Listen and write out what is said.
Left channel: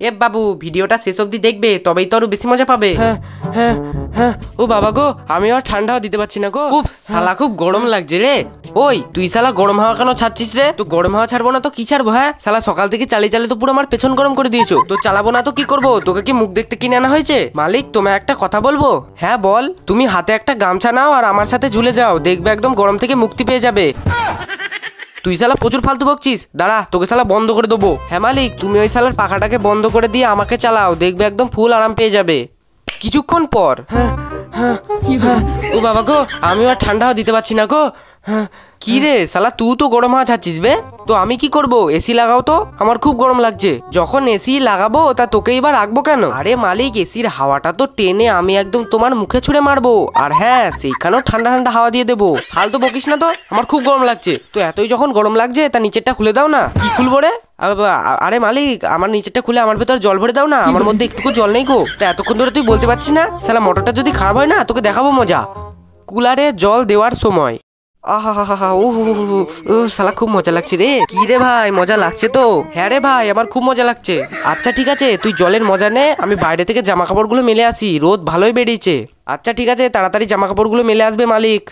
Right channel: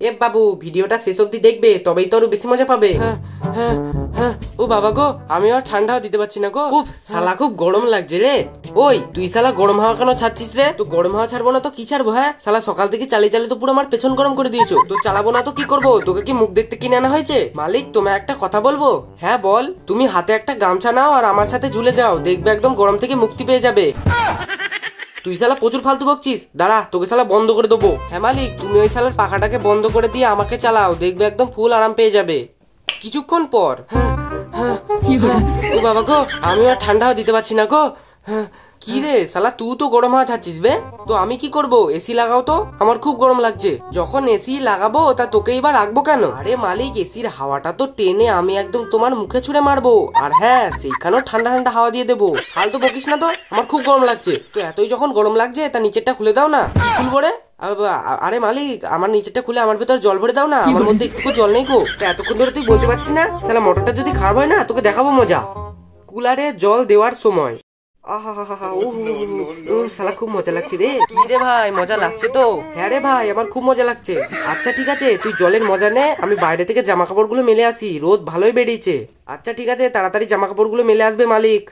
এ বাবু, ভিডিওটা শেষ অবধি দেখবে, তবেই তো আরো বেশি মজা পাবে। হ্যাঁ হ্যাঁ হ্যাঁ। ও বাবা গো, আমি আর ঠান্ডাও দিতে পারছি না গো। শালা খুব গরম লাগছে রে। ওই তুই শালা গরম হাওয়া কেন ছাড়ছিস রে? তো গরম হাওয়া ছাড়বো না তো কি ছাড়বো? হ্যাঁ শালা সকাল থেকে চালিয়ে চালিয়ে তো পুরো আমার পেছন গরম করে দিয়েছো। তো চালাবো না তো কি করবো? তোকে কি মুখ দেখতে কিনে আনা হয়েছে? মালিক, তোমায় একটা কথা বলবো। হ্যাঁ বল। তুমি হাতে একটা গামছা নাও আর আমার সাথে ঝুলে যাও, দেখবে একদম গরম থেকে মুক্তি পেয়ে যাবে। তুই শালা প্রচুর ফালতু বকছিস, দাঁড়া তোকে শালা বন্ধ করে দেবো। হ্যাঁ মালিক, তুমি ওই শালার পাখাটাকে বন্ধ করে দিয়ে আমাকে চালাও, দেখবে একদম ফুল আরাম পেয়ে যাবে। কিছুক্ষণ পর ও বাবা গো, আমি আর ঠান্ডা দিতে পারছি না গো। কি রে শালা, তুই তো গরম হাওয়া ছাড়ছিস বে, তো আমি কি করব? এসি লাগাও তো, আমার খুব গরম লাগছে। যখন এসি লাগাবো তা তোকে এবার রাখবো কেন? আরে মালিক, এসির হাওয়াটা তো টেনে আমি একদম তোমার মুখে ছুঁড়ে মারবো, আর হ্যাঁ সেইখানেও ঠান্ডা ঠান্ডা হাওয়া দিয়ে দেবো। ফালতু বকিস না তো, আমার খুব গরম লাগছে। তো এতই যখন গরম লাগছে তা নিচেরটা খুলে দাও না। কি খুলবো রে? আরে মালিক, আমার নিচেরটা খুলে আমার ভেতর জল ভরে দাও না, আমার মধ্যে একটুকু জল নেই গো। তা এতক্ষণ ধরে তুই বলতে পারছিস না? শালা মোটরটা যদি খারাপ হয় না, তোকে দেখাবো মজা। কুলারে জল দেওয়ার সময় শালা খুব মজা লাগছে রে। কি রে ভাই, মজা লাগছে তো? হ্যাঁ রে ভাই, আমার খুব মজা লাগছে। আচ্ছা ঠিক আছে, তুই জলের মজা নে, আমি বাইরে থেকে জামা কাপড়গুলো মেলে আসি, রোদ ভালোই বেরিয়েছে। আচ্ছা ঠিক আছে, তাড়াতাড়ি জামা কাপড়গুলো মেলে আসবে মালিক।